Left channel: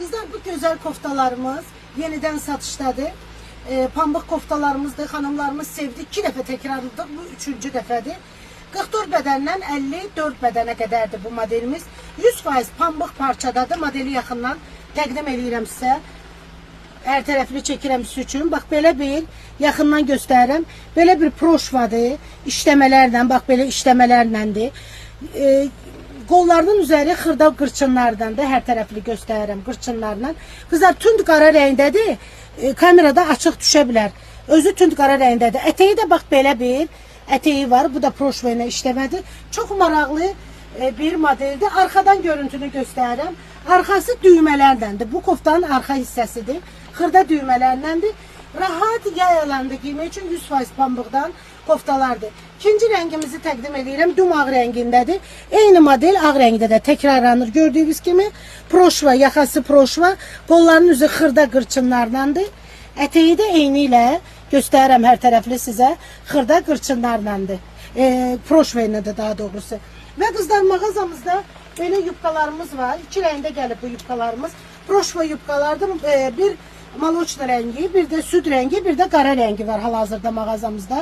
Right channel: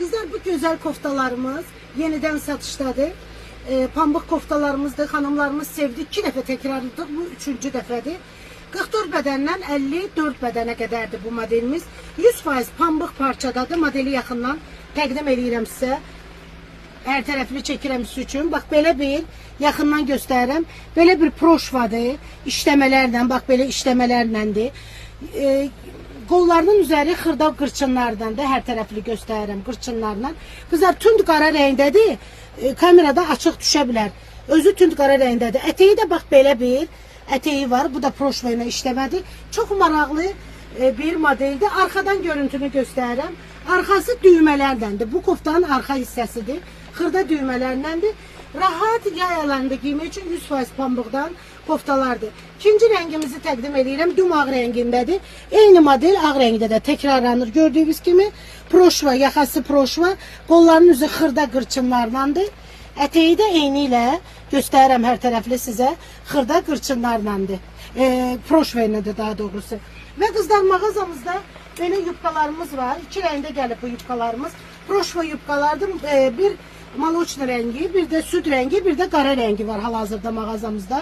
Bizden bu güzel koftalarımız yeniden satışdadır. Pambıq koftalarımızdır. Hanımlarımız sevdi. 2 dəfə tekrarladık. Bu 3-cü dəfədir. 44 bədəndən 54 bədənə qədərdir bu modelimiz. 100% pambıq parçadadır. Modeli yaxından təqdim edirəm sizə. Hər tərəfli çəkirəm sizin üçün. Bax belə bir yaxından göstərirəm. Belə bir proşvadır. İşləmələrlə, bax belə işləmələrdəndir. Qollarının üzəri xırda qırçınlardandır. Hər tərəfli göstərirəm qırçınlarla. Qızlar tünd qara rəngdədir. Kamerada açıq düşə bilər. Özü tünd qara rəngdədir. Ətəyi də bax belə bir ətəyi var. Bu da proşva ilə işləmədir. Çox maraqlı bir modeldir. Arxadan görüntünü göstərirəm. Arxası düymələrdəndir. Bu koftanın arxa hissəsidir. Xırda düymələrləndir. Rahat yay alanda giymək üçün 100% pambıqdan koftalardır. İkinci rəngimizi təqdim edirəm. Dum ağ rəngindədir. Eyni model ağ rəngdə də təkrarlanır. Gördüyünüz kimi proşva, yaxası proşva, qolların üzü xırda qırçınlarlandır. Ətəyi də eyni ilə göstərirəm hər tərəfli sizə. Xırda qırçınlarlandır. Proşva ilə də daha doğrusu. Və qızlar mağazamızda belə yubqalarımız var. 2 rəngdə gəlib bu yubqalarımız. Proşva yubqalardır. Bir maloçna rəngi, bir də süd rəngi, bir də qara rəngi var hal-hazırda mağazamızda.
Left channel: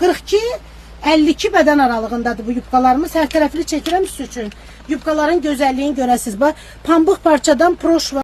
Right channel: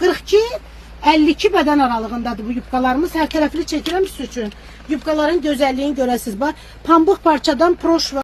42-52 bədən aralığındadır bu yubqalarımız. Hər tərəfli çəkirəm sizin üçün. Yubqaların gözəlliyini görəsiniz. Bax, pambıq parçadan proşva